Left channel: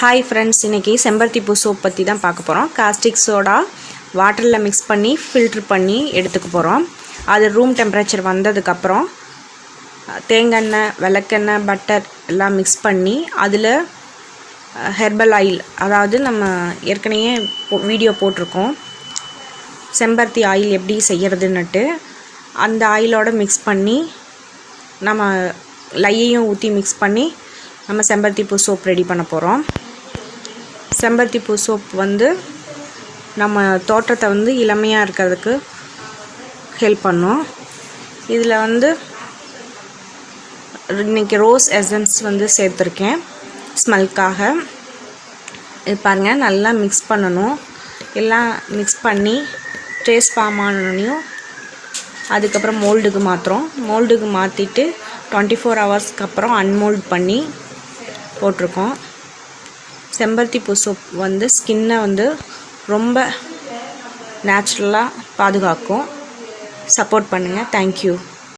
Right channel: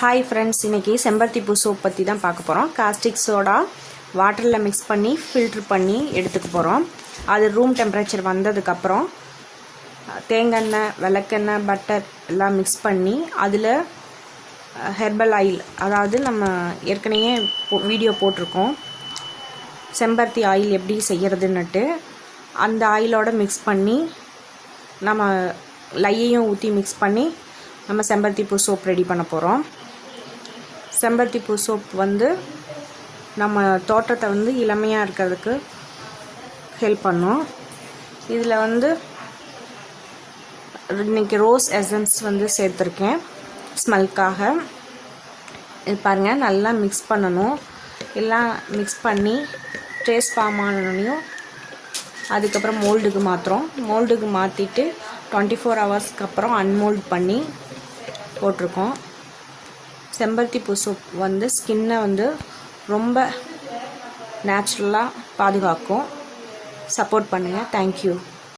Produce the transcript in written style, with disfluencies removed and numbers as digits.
Hi friends, இன்றைக்கி செம்பருத்தி பூ சோப் பற்றி தான் பார்க்க போகிறோம். காஸ்டிக் சோடா வாட்டரில் மிக்ஸ் பண்ணி ஃபில்ட்ரு பண்ணி எடுத்துக்க போகிறோம். அது ரூம் டெம்பரேச்சர் வந்ததுக்கப்புறம் தேங்காய், விளக்கெண்ணெய், பட்டர் எல்லாம் மிக்ஸ் பண்ணி அதில் ஹெர்பல் ஆயில், அதாவது நம்ம ஏற்கனவே வீடியோ போட்டிருக்கோம் செம்பருத்தி ஆயில் எப்படி செய்கிறதுன்னுட்டு, அந்த ஆயிலோடு மிக்ஸ் பண்ணி நம்ம லையையும் ஊற்றி மிக்ஸ் பண்ணி நம்ம செம்பருத்தி பூ சோப் ரெடி பண்ண போகிறோம். செம்பருத்தி பூ சோப் நம்ம தோட்டத்தை இளமையாக இருக்கிறதுக்கு ஹெல்ப் பண்ணும். இதில் இன்றைக்கி ரோஸ் எசன்ஸ் சேர்த்துருக்கேன் ஸ்மெல்க்காக. இது பாருங்கள், நல்லா மிக்ஸ் பண்ணணும். எல்லாம் மிக்ஸ் பண்ணி ட்ரேஸ் ஃபார்ம் ஆனோடனையும் அதுக்கப்புறம் மோல்டுக்கு மாற்றிட்டு 24 ஹவர்ஸ்க்கு அப்புறம் அன்மோல்ட் பண்ணி போட்டிருக்கோம். செம்பருத்தி பூ சோப் ஸ்கின்னை ரொம்ப நேச்சுரலாக பாதுகாக்கும். சப்போர்ட் பண்ணுங்கள். தேங்க்யூ.